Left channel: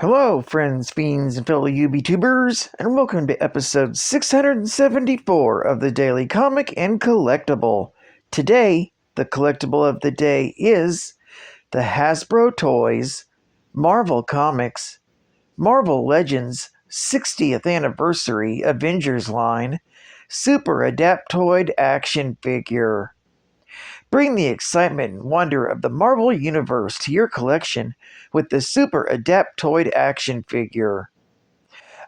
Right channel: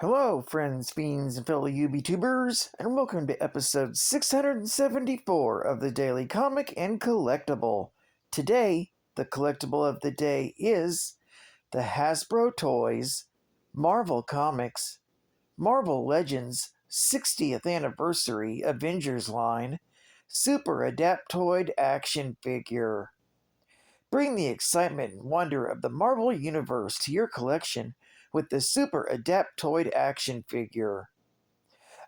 Hello, friends, fiends, and fellow UBTubers, and welcome to episode 674 of the Daily Comic and Collectible. Today, the collectible of the day is the Hasbro Toys Marvel Comics Marvel Legends 60th Anniversary Avengers line Super Adaptoid Action Figure. Bring the excitement and wonder of the Marvel Universe to your collection with the Super Adaptoid action figure.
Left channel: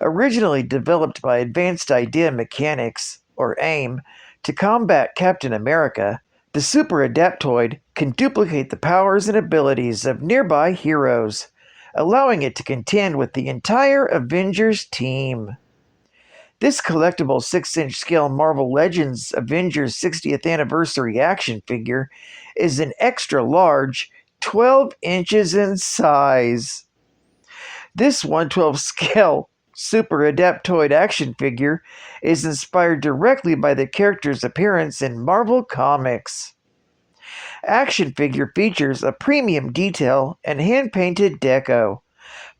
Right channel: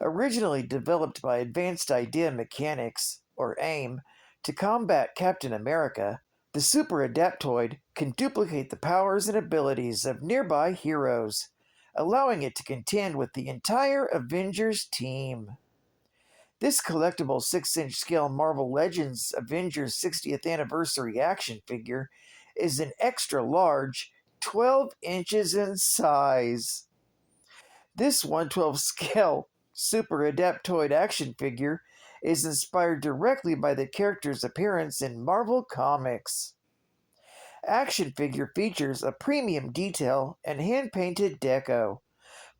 Originally developed by Advanced Idea Mechanics, or AIM, to combat Captain America, the Super Adaptoid can duplicate the powers and abilities of nearby heroes, allowing it to contend with the entire Avengers team. This collectible 6-inch scale Marvel Legends Avengers 60th Anniversary action figure is an extra large 12 inches in size. This 1/12 scale Super Adaptoid action figure is inspired directly by the character's appearance in Marvel Comics. Action figure features a premium detail and hand-painted deco,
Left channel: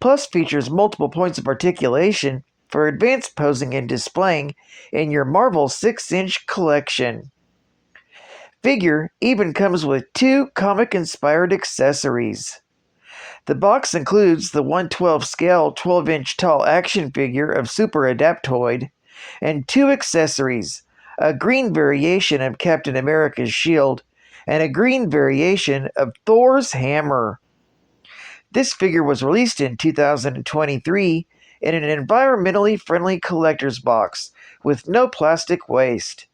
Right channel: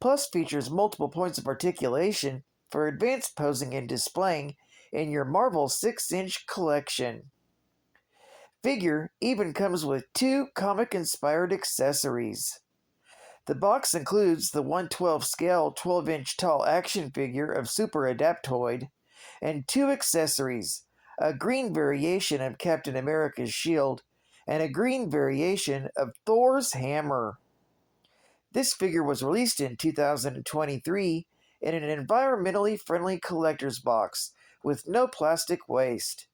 plus features multiple points of articulation for advanced posing and displaying in your Marvel 6-inch collection. Figure even comes with 2 comic-inspired accessories. The box includes the 1/12 scale 12-inch tall action figure of Super Adaptoid and 2 accessories, a green variation of Captain America's shield and a green variation of Thor's hammer. This figure was released in 2023 in an environmentally friendly collector's box with no plastic waste.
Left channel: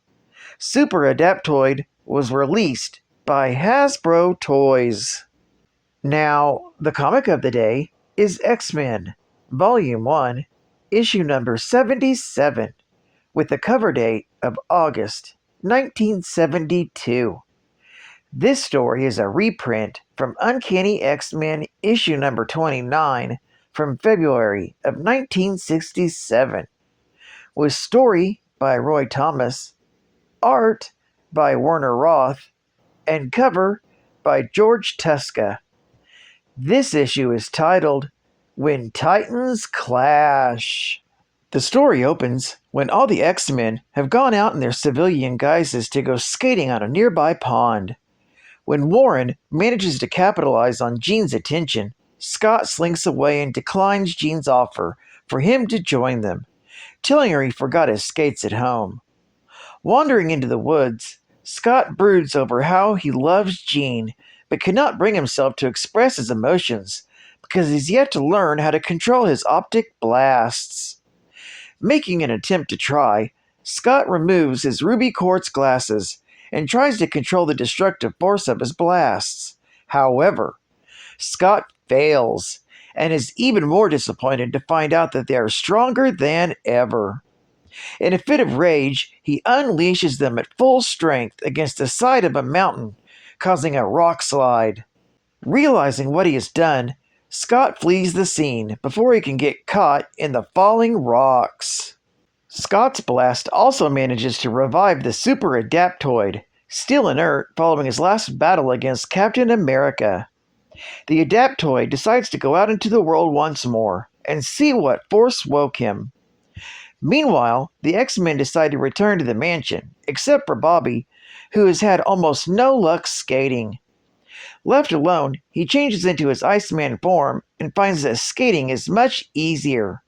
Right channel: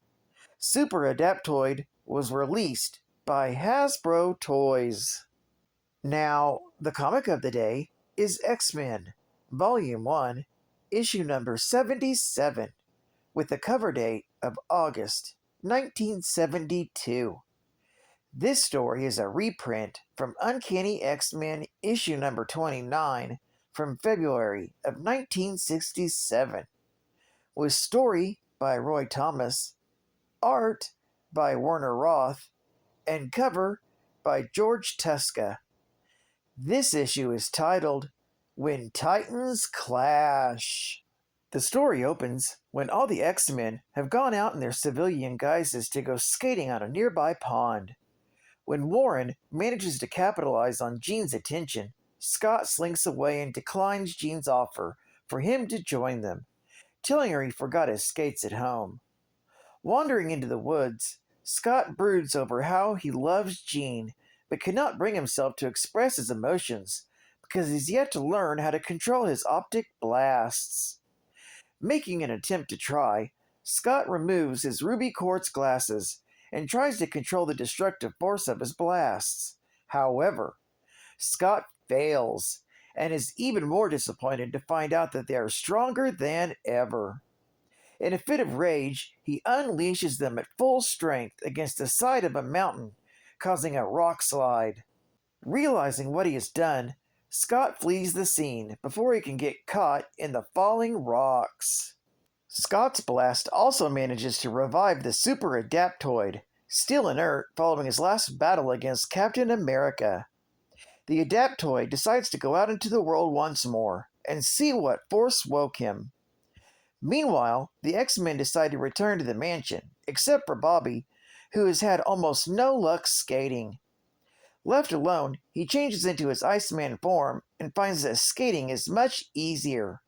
Super Adaptoid was released by Hasbro Toys. Now, the comic of the day is X-Men, Volume 1, Issue number 77, with the cover date of August 1972. This story is a reprint from Uncanny X-Men Issue number 29 from February of 1967, with story by Roy Thomas, art by Werner Roth, and cover by George Tuska. This issue is titled When Titans Clash. The story opens when all the X-Men have gone out in their civilian guises to go skating on a nearby pond. When Warren manages to capitalize on Jean's attention, Scott slinks away and declines Jean's offer for him to join them, telling her he forgot his skates at home. Wandering into the woods, Scott broods over how he loves Jean, but cannot bring himself to express his emotions because he's yet to learn how to control his optic blasts. Making an attempt to try, Scott removes his ruby quartz glasses and tries to control the destructive force of his blasts. However, Scott fails and is even more disappointed to find out that they are stronger than ever. In a fit of rage, he unleashes them at full strength against the side of a mountain, causing a rock slide. Realizing what he has done, Scott flees the scene before he can get caught in the falling rocks. Scott's blast also manages to revive the Super Adaptoid, still inert following his last battle against Captain America. The Adaptoid decides to go out into the world once more and see what force woke him. Meanwhile, the X-Men decide to return to the mansion, except for Bobby, who has had almost no luck skating. Left alone, he changes into his Iceman form and finds that skating is much easier.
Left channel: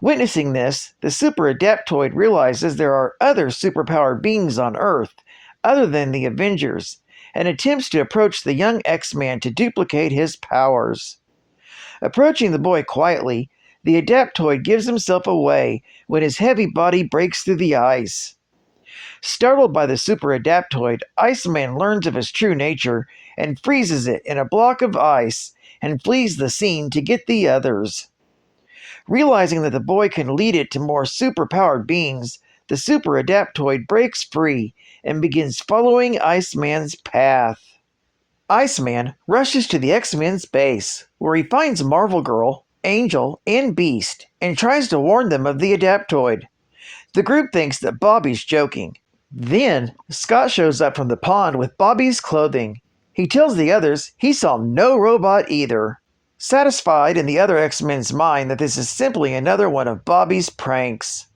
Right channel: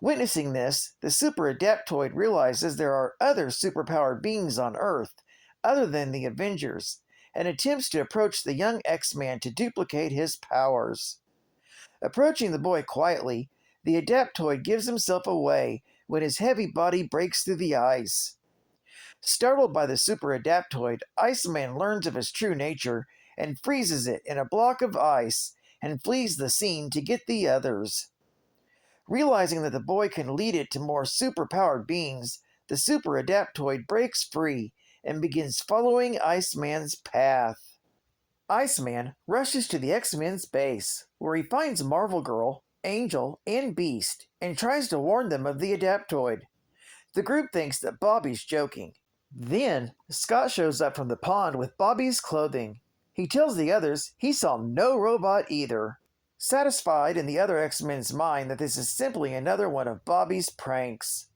Witnessing this, the Super Adaptoid realizes there are other superpowered beings on Earth other than the Avengers, and attempts to approach the young X-Man to duplicate his powers. Approaching the boy quietly, the Adaptoid gives himself away when his heavy body breaks through the ice. Startled by the Super Adaptoid, Iceman learns of his true nature and freezes it in a block of ice and flees the scene to get the others. Realizing that the boy can lead it to more superpowered beings, the Super Adaptoid breaks free and begins following Iceman's path. Iceman rushes to the X-Men's base, where he finds Marvel Girl, Angel, and Beast, and tries to warn them of the Adaptoid. The group thinks that Bobby's joking. Then, Scott shows up from the pond with Bobby's clothing. He tells the others he saw no robot either. satisfied in the other X-Men's mind that this is simply another one of Bobby's pranks.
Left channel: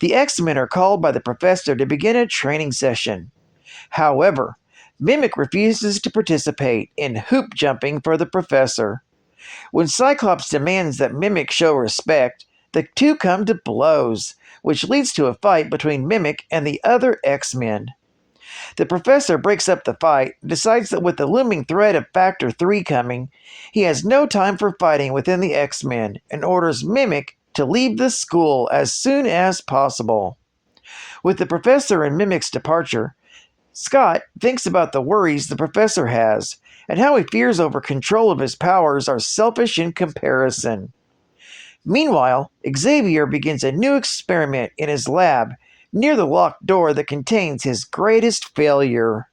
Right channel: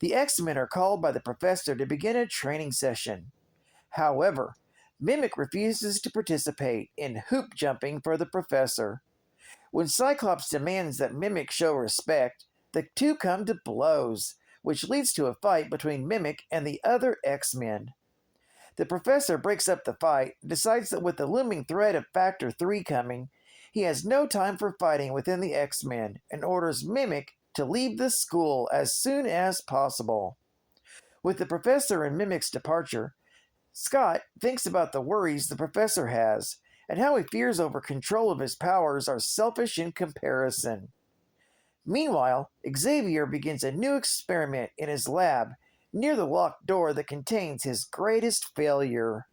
The X-Men are called by the Professor to begin a training session. However, Mimic refuses to participate in hoop jumping for the Professor. When Cyclops demands that Mimic show respect, the two come to blows, which leads to a fight between Mimic and the other X-Men. The Professor breaks up the fight, decides that with the looming threat of Factor 3 coming, he has no time for fighting within the X-Men, and orders Mimic to leave the school as soon as possible. With the Professor and Mimic's departure, Scott thinks about the worries the Professor has, and how he fears over control of his powers are selfish in comparison. Meanwhile, Xavier begins a new experiment in his lab near the locked door that contains his greatest failure.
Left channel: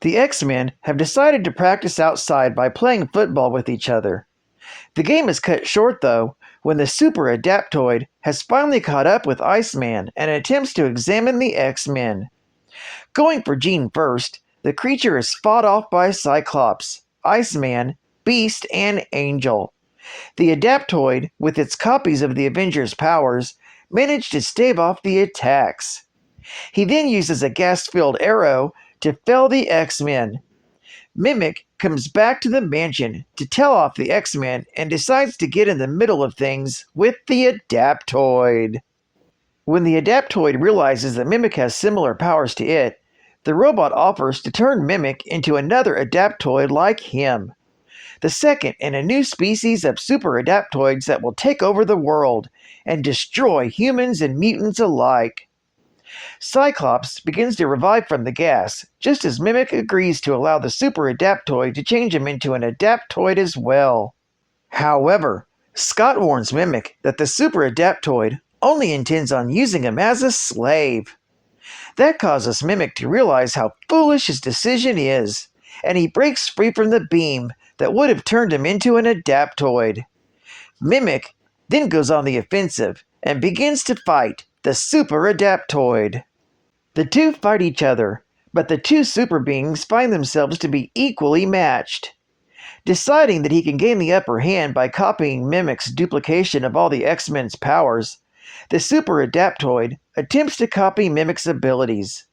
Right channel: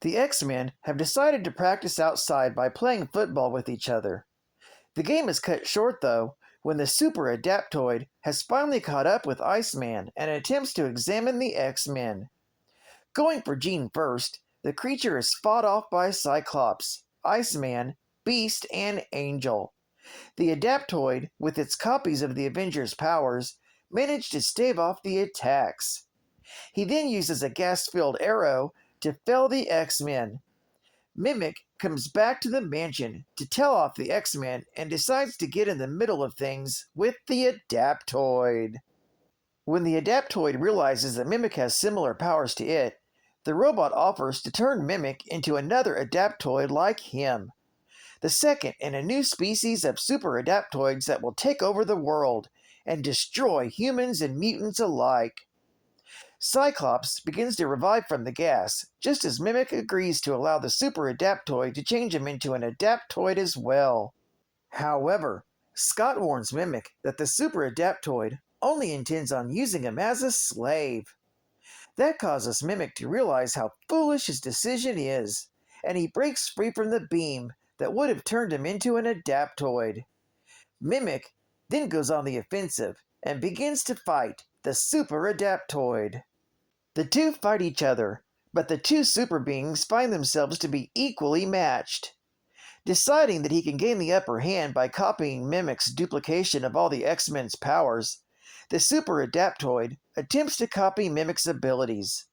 The X-Men have decided to practice outside by playing football with each other. The game is cut short, though, when the Super Adaptoid has finally caught up with Iceman and attempts to examine the X-Men. Going for Jean first, the creature is fought off by Cyclops, Iceman, Beast, and Angel. The Adaptoid, with its copies of the Avengers' powers, managed to stave off the attacks. He then uses a gas-filled arrow to fell the X-Men. Mimic comes back to the mansion to tell off the X-Men and decides to get in the middle of things with the Adaptoid. When the Adaptoid realizes that Mimic has similar powers to it, the robot offers to turn Mimic into another Adaptoid like him, the second in a new species of super Adaptoids that will take over the world and destroy humans and mutants alike. Cyclops begins to revive from the gas, just as Mimic agrees to allow the Super Adaptoid to change him into an Adaptoid as well. However, Scott warns Mimic that the Super Adaptoid only intends on using him as a slave. That causes Mimic to realize how foolish his decision is, and he breaks free from the beam that would have turned him into an Adaptoid. Mimic then goes on the offensive and begins to fight the Super Adaptoid. The two fight each other, but the two super beings find themselves to be equally matched. Deciding that he can gain the upper hand by copying Mimic's duplication of all the X-Men's powers, the Super Adaptoid attempts to copy Mimic's abilities.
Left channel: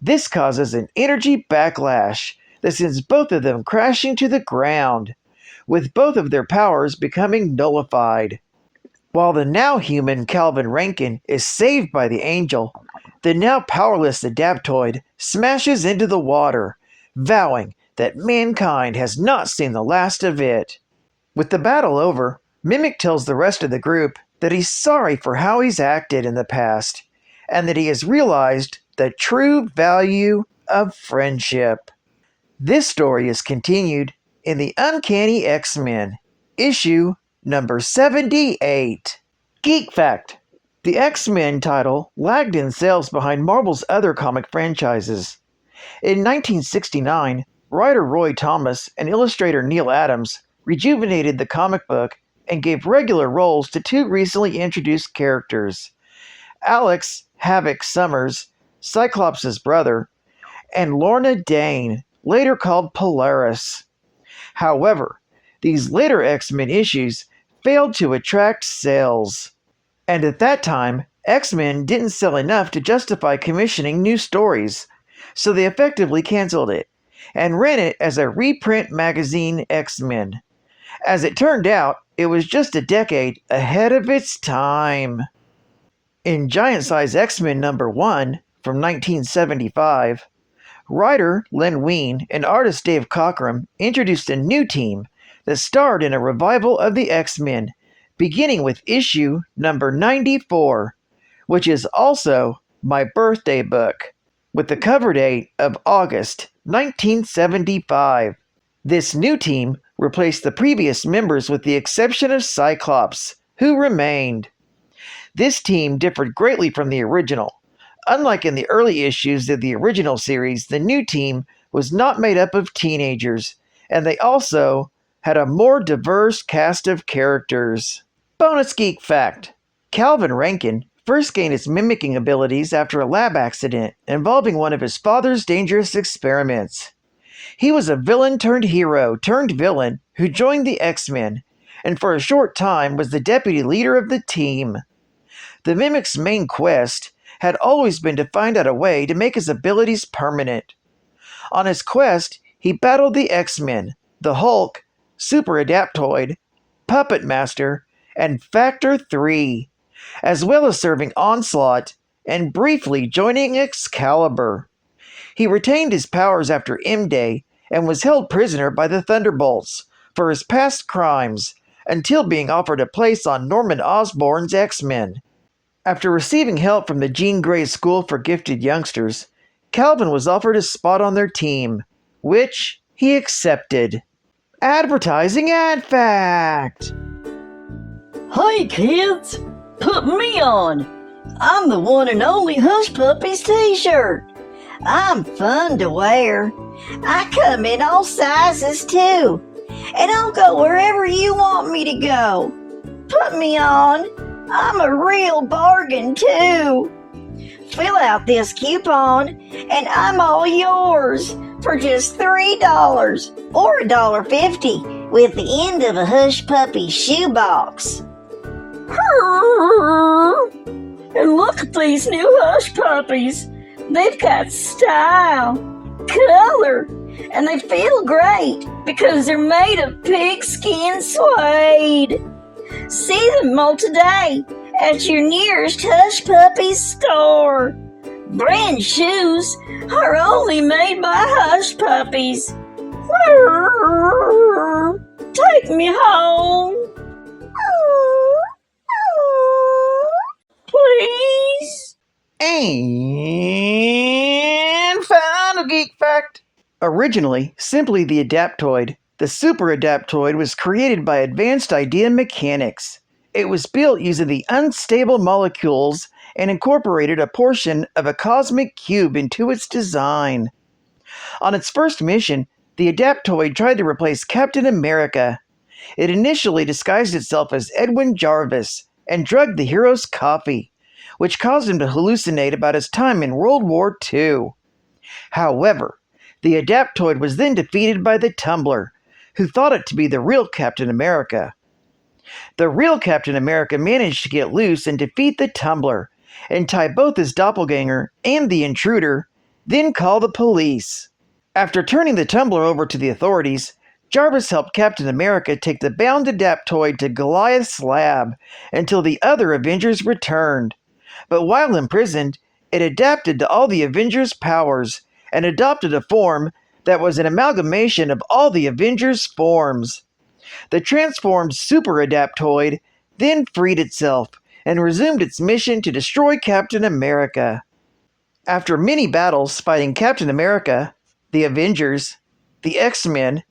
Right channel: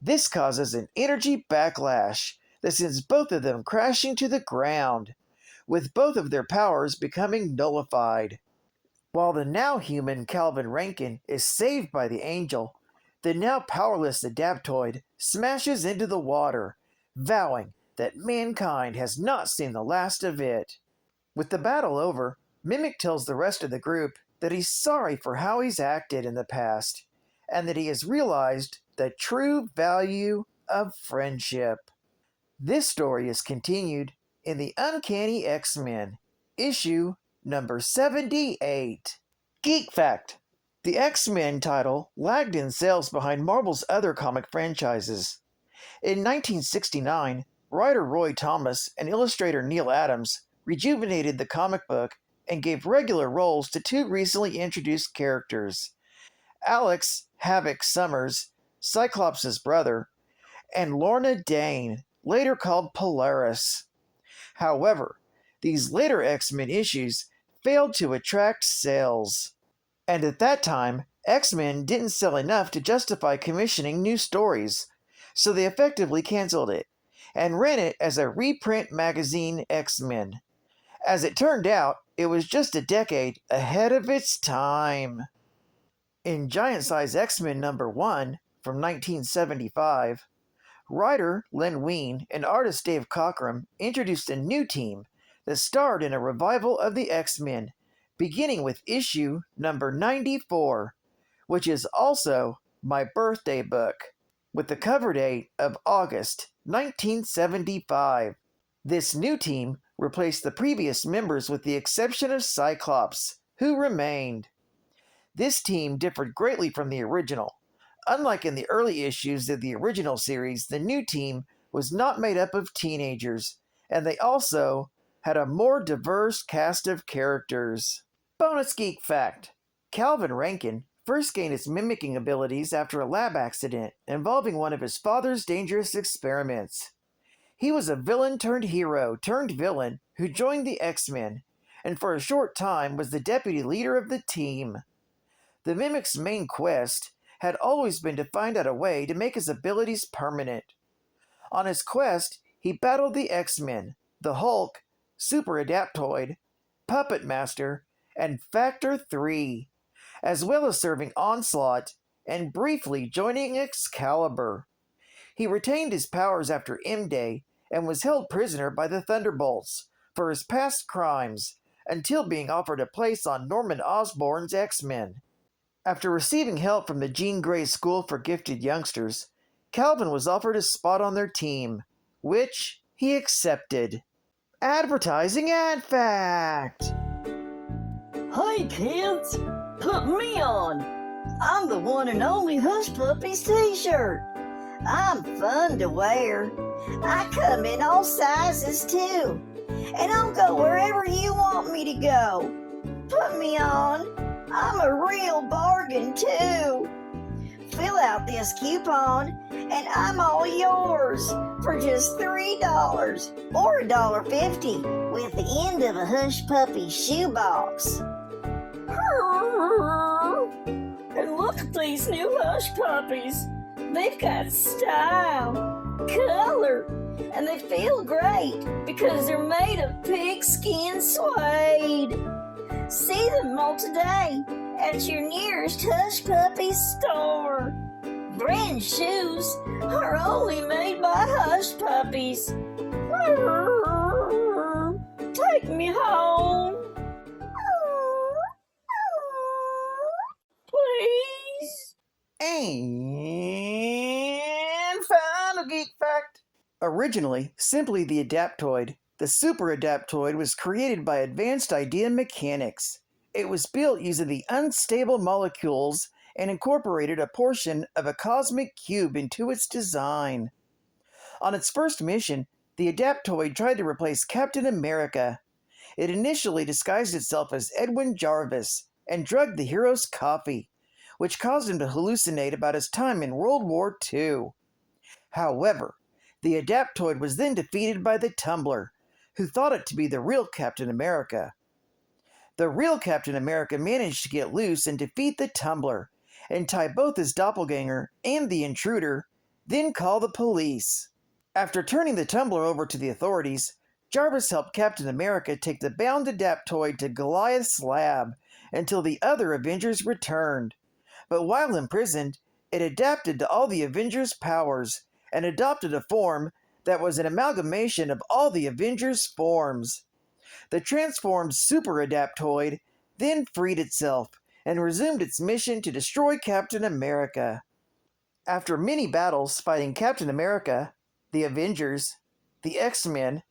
This causes an energy backlash that sends both of them crashing to the ground, with both of their powers becoming nullified. While the now human Calvin Rankin is saved by the Angel, the now powerless Adaptoid smashes into the water, vowing that mankind has not seen the last of it. With the battle over, Mimic tells the rest of the group that he's sorry for how he's acted in the past, and that he has realized the true value of friendship. This story is continued in the Uncanny X-Men, issue number 78. Geek Fact: the X-Men title lagged in sales behind Marvel's other comic franchises. In 1969, writer Roy Thomas and illustrator Neil Adams rejuvenated the comic book and gave regular roles to two recently introduced characters, Alex Havoc Summers, Cyclops' brother, and Lorna Dane, later called Polaris. However, these later X-Men issues failed to attract sales, and at that time, X-Men didn't sell enough to justify commissioning new stories, so they effectively canceled it and ran it as a reprint magazine, X-Men. As it turned out, it was just a decade ahead of its time. In Giant Size X-Men number 1 from 1975, writer Len Wein and artist Dave Cockrum introduced a new team that starred in a revival of the X-Men, beginning with issue number 94, which is also my birthday book, with the cover date of August 1975. This new team replaced the previous members with the exception of Cyclops, who remained. This team differed greatly from the original. Unlike in the early issues of the original series, the new team was not made up of teenagers, and they also had a more diverse cast of characters. Bonus Geek Fact: Calvin Rankin first gained his mimicking abilities after a lab accident involving one of his father's dangerous experiments. He was a villain turned hero turned villain who joined the X-Men, and for a short time was the deputy leader of the team. The Mimic's main quest had always been to find out a way to make his abilities permanent. On his quest, he battled the X-Men, the Hulk, Super Adaptoid, Puppet Master, and Factor 3, as well as serving Onslaught and briefly joining Excalibur. He retained his powers after M-Day and was held prisoner by the Thunderbolts for his past crimes until being offered a place on Norman Osborn's X-Men. After receiving help from the Jean Grey School for Gifted Youngsters, Calvin was offered a spot on their team, which he accepted. Advertising ad fact! Hey kids, put me on. I'm the one and only Hush Puppies t-shirt. I'm fun to wear. I come in all sizes too, and I'll go wherever you want me to go. Put me on. I'm a real bargain too. Fill out this coupon and I'm all yours for just $3 or $1.50 with the end of a Hush Puppy shoebox. And look at these new Hush Puppies. They've got style, color, and they feel great because they're made of pigskin suede. See them all today at your nearest Hush Puppies store. Brand shoes are only made by Hush Puppies. Take me home. Please. And final geek fact. Originally simply the Adaptoid, the Super Adaptoid was created by Advanced Idea Mechanics. It was built using the unstable molecules and incorporated a portion of a cosmic cube into its design. On its first mission, the Adaptoid tried to replace Captain America. It initially disguised itself as Edwin Jarvis and drugged the hero's coffee, which caused him to hallucinate about his time in World War II. However, the Adaptoid was then defeated by the Tumbler, who thought it to be the real Captain America. The real Captain America managed to get loose and defeat the Tumbler, and tie both his doppelganger and the intruder, then call the police. After turning the Tumbler over to the authorities, Jarvis helped Captain America take the bound Adaptoid to Goliath's lab until the other Avengers returned. But while imprisoned, it adapted to all the Avengers' powers and adopted a form that was an amalgamation of all the Avengers' forms. The transformed Super Adaptoid then freed itself and resumed its mission to destroy Captain America. After many battles fighting Captain America, the Avengers, the X-Men,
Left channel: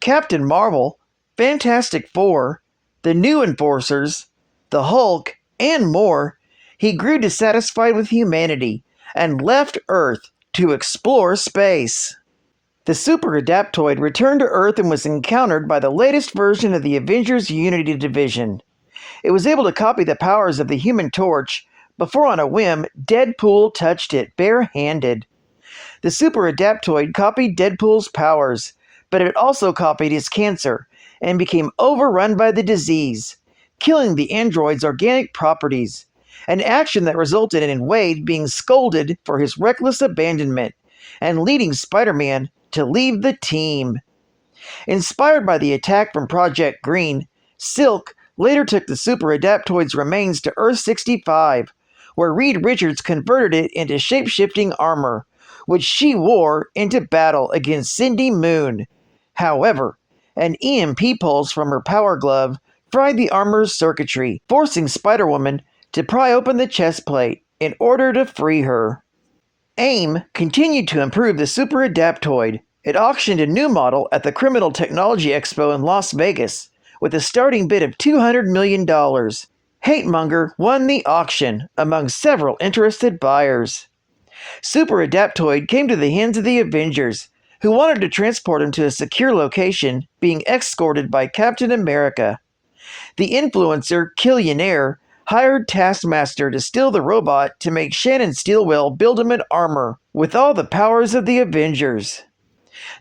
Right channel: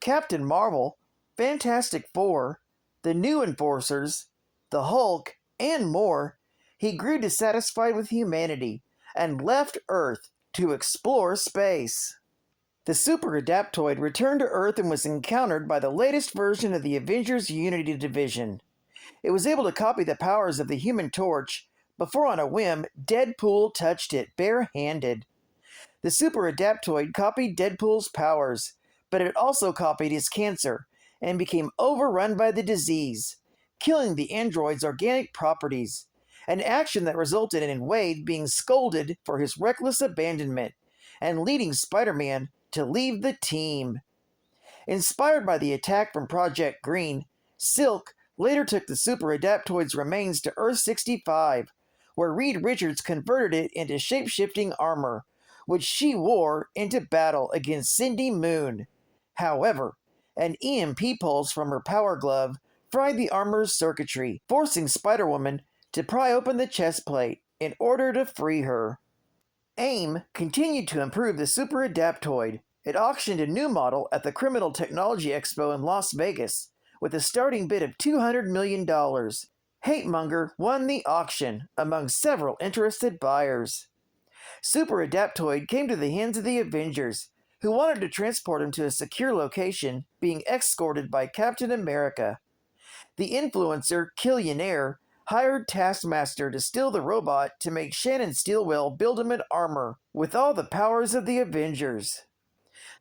Captain Marvel, Fantastic Four, the New Enforcers, the Hulk, and more, he grew dissatisfied with humanity and left Earth to explore space. The Super Adaptoid returned to Earth and was encountered by the latest version of the Avengers Unity Division. It was able to copy the powers of the Human Torch before on a whim Deadpool touched it bare-handed. The Super Adaptoid copied Deadpool's powers, but it also copied his cancer and became overrun by the disease, killing the android's organic properties, an action that resulted in Wade being scolded for his reckless abandonment and leading Spider-Man to leave the team. Inspired by the attack from Project Green, Silk later took the Super Adaptoid's remains to Earth-65, where Reed Richards converted it into shape-shifting armor, which she wore into battle against Cindy Moon. However, an EMP pulse from her power glove fried the armor's circuitry, forcing Spider-Woman to pry open the chest plate in order to free her. AIM continued to improve the Super Adaptoid. It auctioned a new model at the Criminal Technology Expo in Las Vegas with a starting bid of $200 million. Hatemonger won the auction among several interested buyers. Super Adaptoid came to the hands of the Avengers, who wanted to transport him to a secure location, being escorted by Captain America. The influencer Killionaire hired Taskmaster to steal the robot to make Shannon Steelwell build him an armor with all the powers of the Avengers.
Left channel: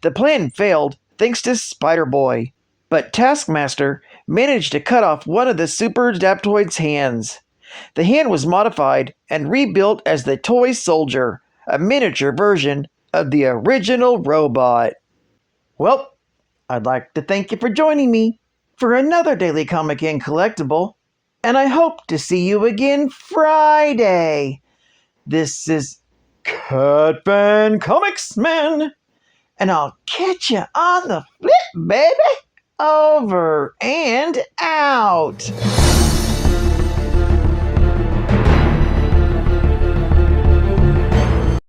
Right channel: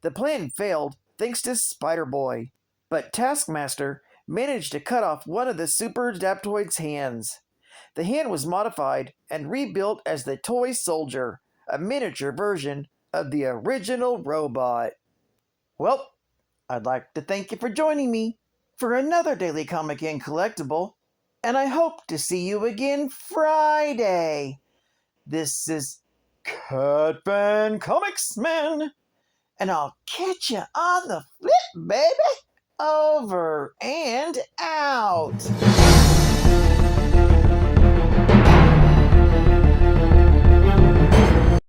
The plan failed thanks to Spider-Boy, but Taskmaster managed to cut off one of the Super Adaptoid's hands. The hand was modified and rebuilt as the Toy Soldier, a miniature version of the original robot. Well, I'd like to thank you for joining me for another Daily Comic and Collectible, and I hope to see you again Friday. This is Catman Comics Man, and I'll catch you on the flip, baby. Over and out.